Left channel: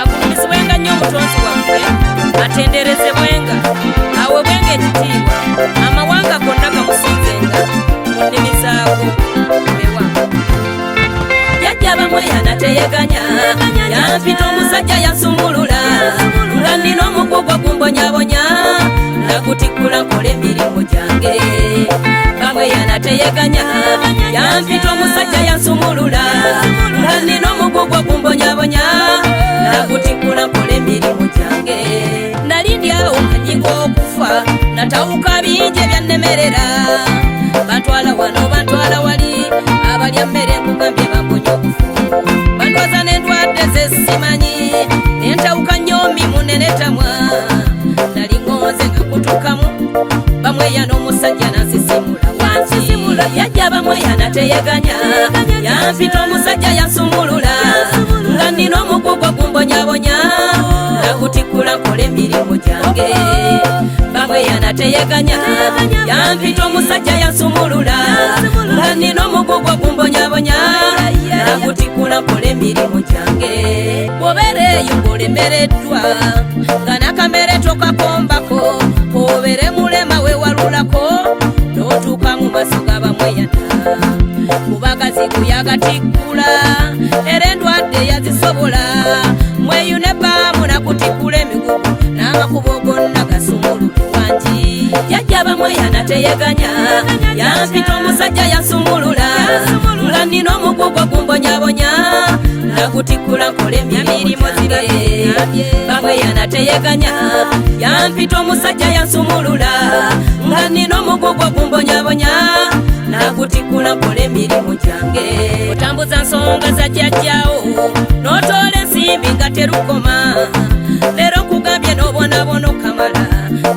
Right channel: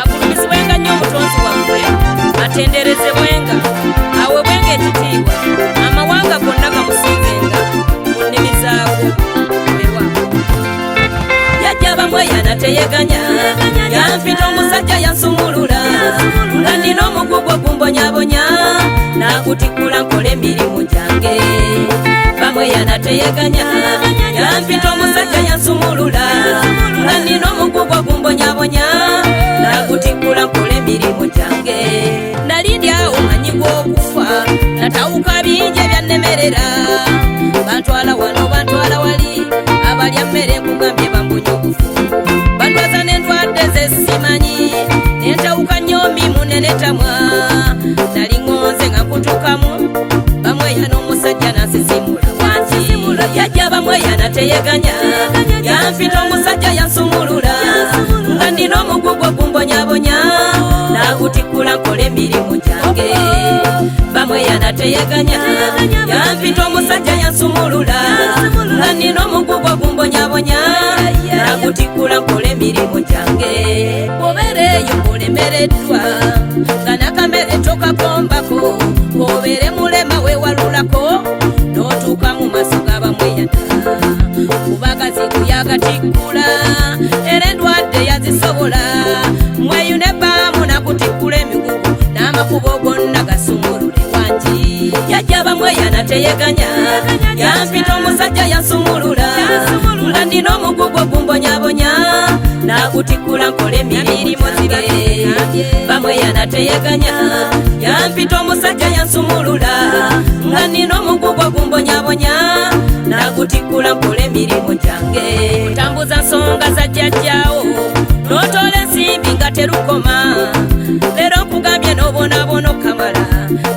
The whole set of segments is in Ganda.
agulumizibwenga nnyo omutonzi waffe, atenderezebwenga, aweebwenga ekitiibwa, amawanga gonna gamusinzenga mu nnimi zaago weewaawo. Jjajja bamwe yanateyeganya, yampita omusajja yansumulula, nandina omugugu ogumbonyabonya, n'agutikkula nkola emirimu gyange. Bamwe yanateyeganya, yampita omusajja yansumulula, nandina omugugu ogumbonyabonya, n'agutikkula nkola emirimu gyange. Nali ndi awo manyinga okufa, natawuka bingi ebyannemerera, bantwala wano bantwala wali, abalya mmere nkugambye bambonya okufa, bandwaza n'endwadde ze simanyi, nentawuka nnyo mimu neretamwa, nali ngonze nga nkutukamu, bamwe yana omusajja nansisimula, yajja bamwe yanateyeganya, yampita omusajja yansumulula, nga nnina omugugu ogumbonyabonya, n'agutikkula nkola emirimu gyange. Bamwe yanateyeganya, yampita omusajja yansumulula, nga nnina omugugu ogumbonyabonya, n'agutikkula nkola emirimu gyange. Obeera eyo ng'olemereddwa, nga nakamere tokakombako, obeere mulema weewalulako, n'otuuka mu maaso ga bamwe yana, kubagazi kubyagatikkula, era endwadde yazisobola, mweyune baamu nakutikkula emigugu, n'amakubo gonna gasumulule wangi. Jjajja bamwe yanateyeganya, yampita omusajja yansumulula, nga nnina omugugu ogumbonyabonya, n'agutikkula nkola emirimu gyange. Bamwe yanateyeganya, yampita omusajja yansumulula, nga nnina omugugu ogumbonyabonya, n'agutikkula nkola emirimu gyange. Otambuza nsonga za jjajjaawo, n'otoola ensimbi nga terukoma, leero nkugambye n'obonabona okamala,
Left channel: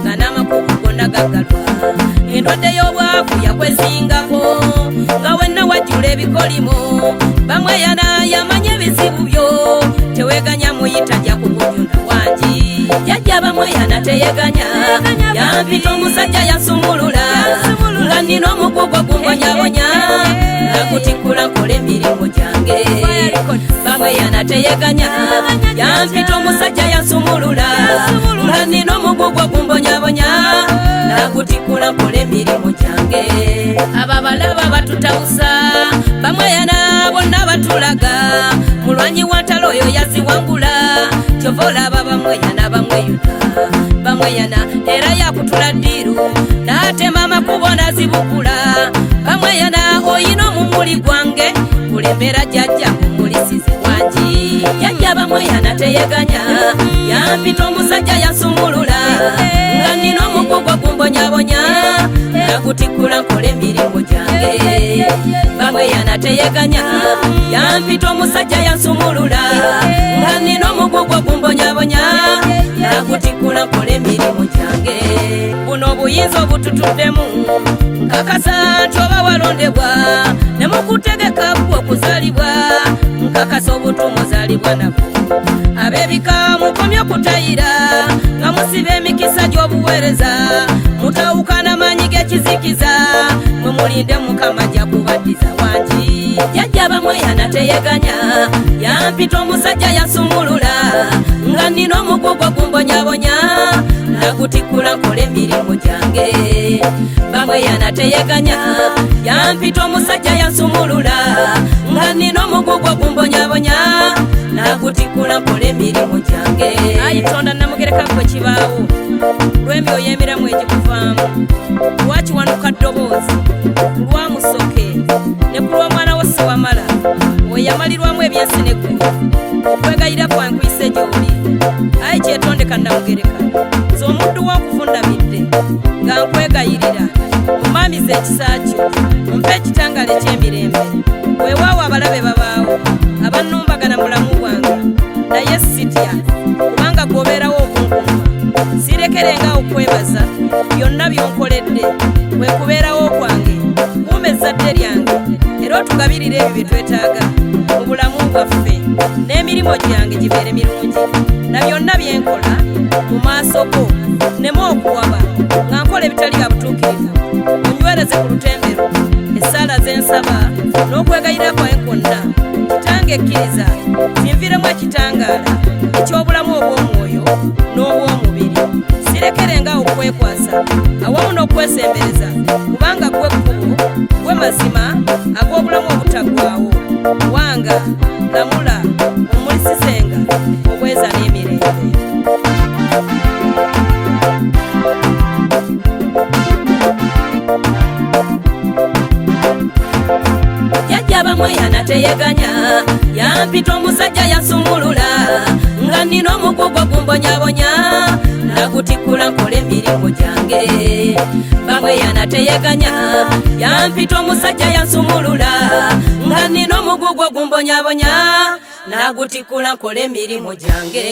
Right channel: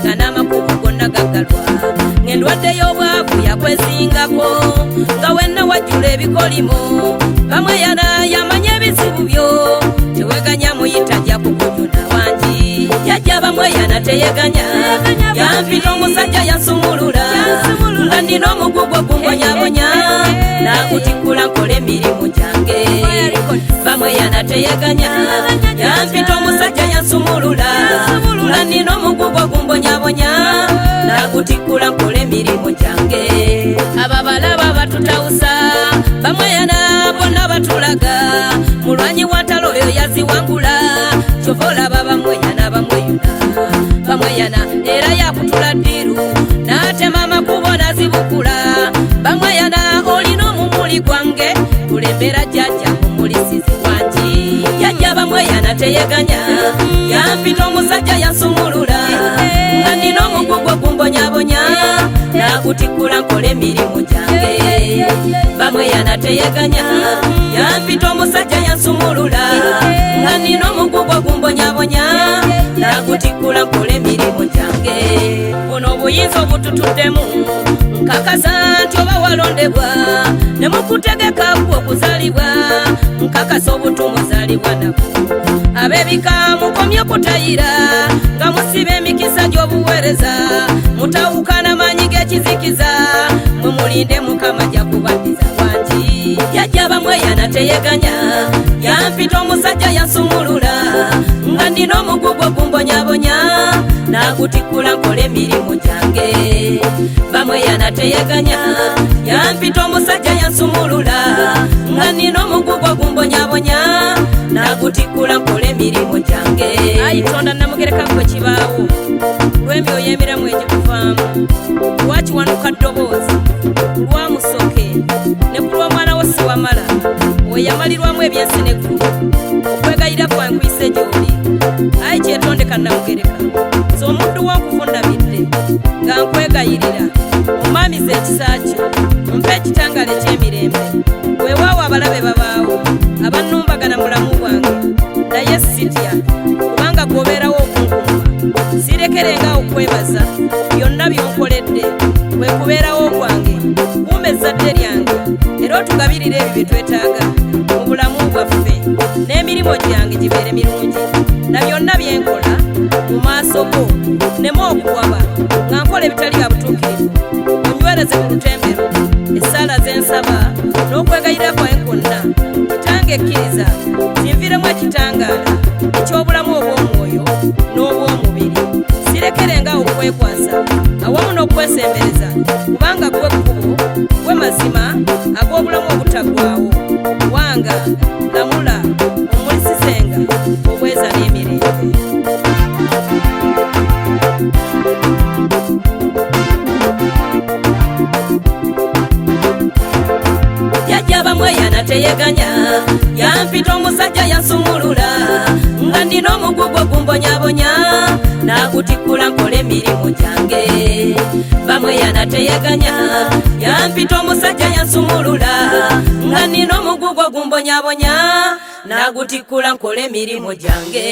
nga n'amakubo gonna gaggalwa, ng'endwadde y'obwavu yakwesingako, nga wenna wajjula ebikolimo. Bamwe yana yamanya ebizibu byo, teweganya muyita jakubonyona wangi. Jjajja bamwe yanateyeganya, yampita omusajja yansumulula, nga nnina omugugu ogumbonyabonya, n'agutikkula nkola emirimu gyange. Bamwe yanateyeganya, yampita omusajja yansumulula, nga nnina omugugu ogumbonyabonya, n'agutikkula nkola emirimu gyange. Ababalaba batutawusa, bamwe yana bonna batulaga, mulwanyi wa ntalo oyo yaziwangula, kyova olaba bamwe yana bamwe yana era yakutula ddiru, n'atema amakubo n'azibukula. Bamwe yana oyina omumuli gwange, kulembera jjajja kumulisizi wangi. Jjajja bamwe yanateyeganya, yampita omusajja yansumulula, nga nnina omugugu ogumbonyabonya, n'agutikkula nkola emirimu gyange. Bamwe yanateyeganya, yampita omusajja yansumulula, nga nnina omugugu ogumbonyabonya, n'agutikkula nkola emirimu gyange. Buno obuyinza obututuddemu, nkakasa nti oba walondebwa, ne mukutegeka okuzaalibwa, nkakasa obutumuzaalibwa nabwo. Ab'ebika mukomye kutayira, nga musiba emikisa gy'obuweereza, mutawukana maanyi g'ekizikiza, mumulinde Mukama ajja kubaddiza wangi. Jjajja bamwe yanateyeganya, yampita omusajja yansumulula, nga nnina omugugu ogumbonyabonya, n'agutikkula nkola emirimu gyange. Bamwe yanateyeganya, yampita omusajja yansumulula, nga nnina omugugu ogumbonyabonya, n'agutikkula nkola emirimu gyange. Ayi Tonda namugereka gwe kibaawo, lw'emyoyo emiramu egikuvaamu, lwakiwanuka ddoboozi, ku lwa Musoke ne ku lw'omwana wo Siwamala, oyo yamalirwamu ebyensi n'eggulu, okwegayira kwankuyise gy'oli. Ayi kyetondeka namugereka, nze omuddu wo nkuvundamidde, nga nkwegayirira omaamiza ekisa kyo, ompe ekitangala eky'emirembe. Weewaawo abalabe babaawo, abannumbagana mu bulamu bwange, naye sitya, kubanga gwobeerawo okunkumba. Sirekerenga okwebaza byonna by'onkoledde, kwe kubeerawo kwange. Kuuma ezzadde lyange, era otugabirire ebyo bye twetaaga mu bulamu bwaffe, n'emirimu gyange gibeere mirungi, na byonna bye nkola mu maaso go nneme okuwaba, nga nkola ebitali bya butuukirivu, weekebeze ku lutembero essaala zensaba n'okwegayira kwawe kwonna kitange ekkiriza zinviremu ekitangaala eky'obulamu obw'omwoyo n'obw'omubiri sirekerenga okwekwasa awamu n'okwesembereza kubanga gwe kkubo gwe mazima ag'obulamu obutaggwaawo wanga lamula omulisizenga obweza n'emirembe. Yajja bamwe yanateyeganya yampita omusajja yansumulula nga ndina omugugu gumbonyabonya nagutikula nkole emirimu gyange. Bamwe yanateyeganya yampita omusajja yansumulula nga ndina omugugu gumbonyabonya nagutikula nkole emirimu gyange.